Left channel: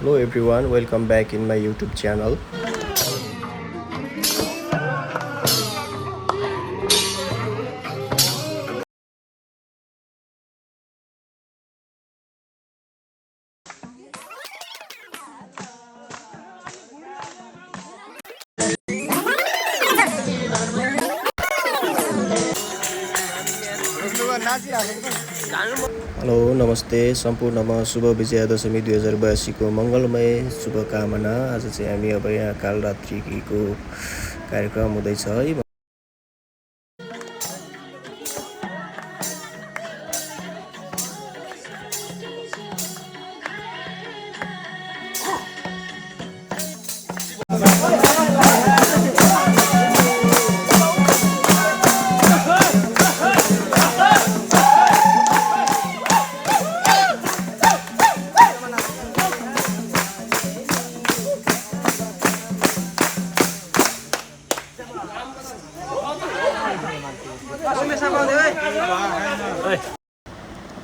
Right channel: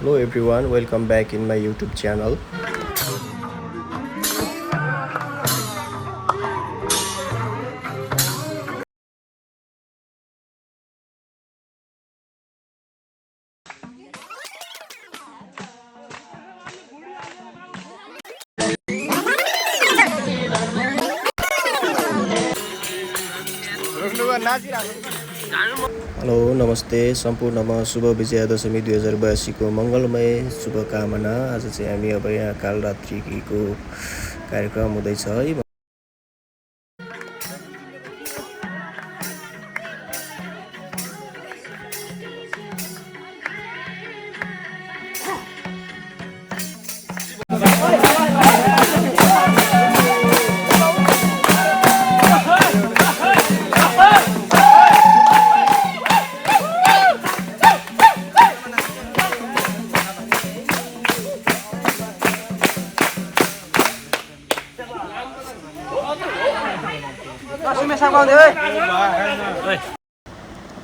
Hello everyone, welcome back in my YouTube channel. Hello नमस्ते सम्पूर्णमा शुभ विजयादशमी 2082 को मङ्गलमय शुभकामना। आज चाहिँ हामी अब यहाँ कालरात्रिको कार्यक्रम हुँदैछ है।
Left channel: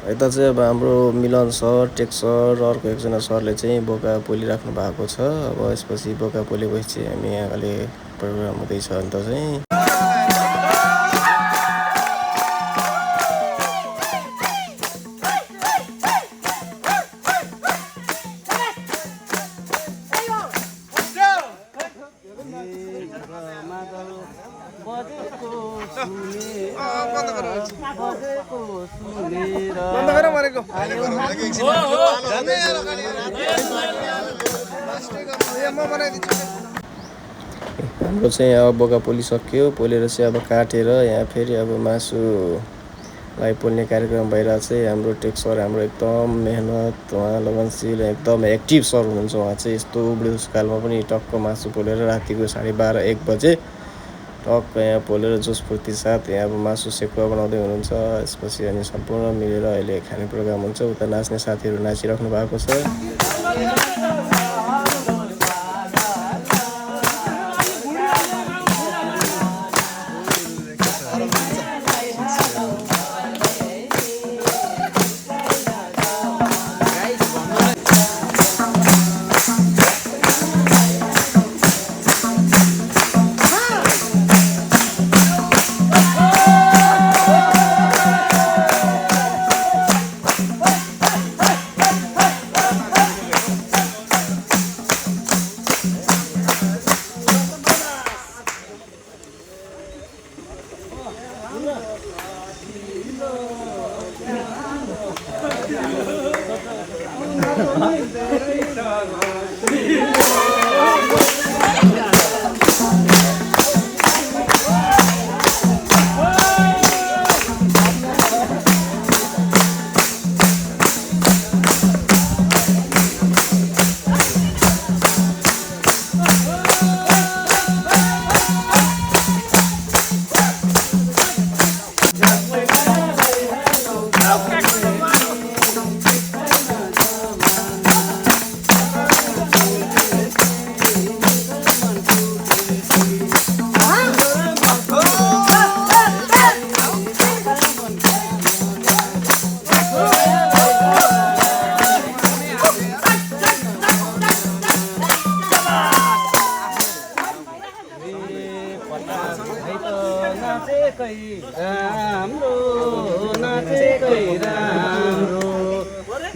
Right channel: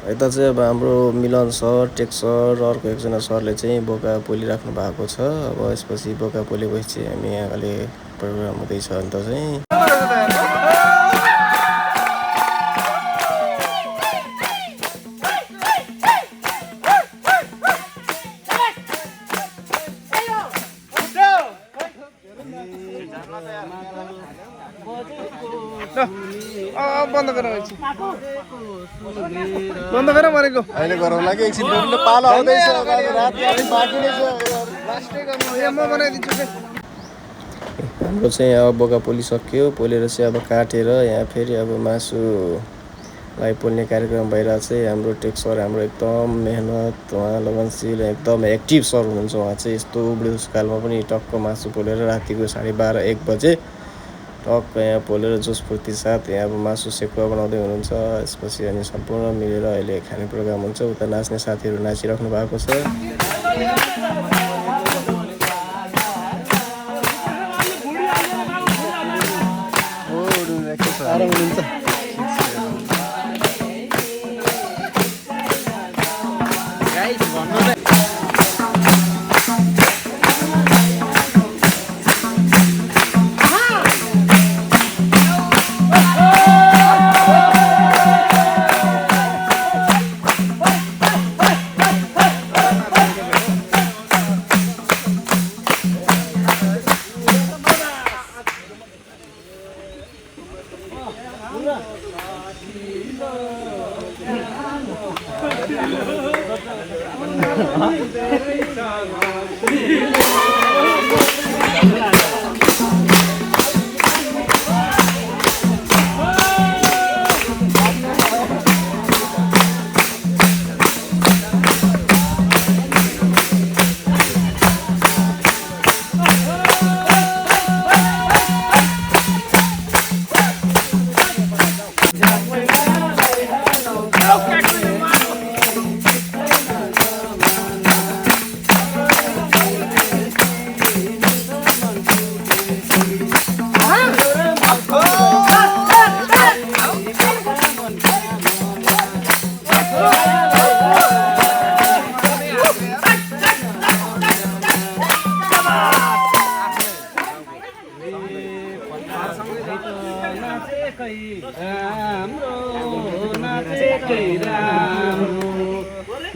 यता चाहिँ अब हाम्रो मिलन सर, टेक सर, अर्को एकजना सरले चाहिँ बोका पोलिराख्नु भएको छ। अब यसपछि बोका पोलेपछि हामी यहाँ अहिले प्रोग्राम हुँदैछ अन्त चाहिँ अहिले गरौँ लागि एकछिन पालो आउँदैछ। हाम्रो चाहिँ अब बोका पोलिसक्यो। पोलेर चाहिँ अब काटेर यहाँ फेरि अब मासुलाई पोल्ने कार्यक्रम भइरहेको छ। हाम्रो टेक सर हाम्रो एकदम मेहनत, उहाँ लगनशील, एकदम एक्टिभ सर हुनुहुन्छ। उहाँ चाहिँ यस्तो बुढेसकालमा पनि टक्क मासु पोलेर रातिको 12:30-1 बजे टक्क यहाँ पोलेर जोसफुर्ती साथ यहाँ अब मासु सेकुवा बनाउँदै हुनुहुन्छ। यसपछि अनि सम्पूर्ण मिलेर अहिले खाने प्रोग्राम हुन्छ। उता नाच्ने साथीहरू नाचिराख्नु भएको छ।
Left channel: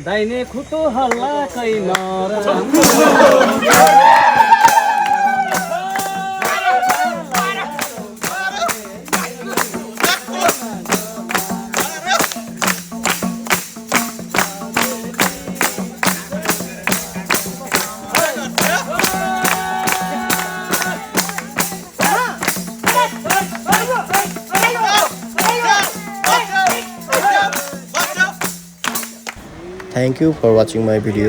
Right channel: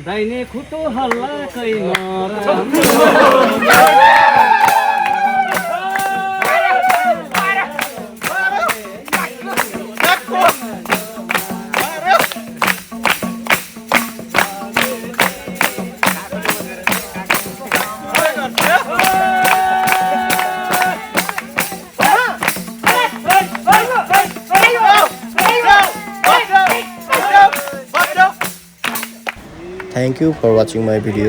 दाहिने खुट्टो हल्ला कै नराम्रो Thank you for watching my video.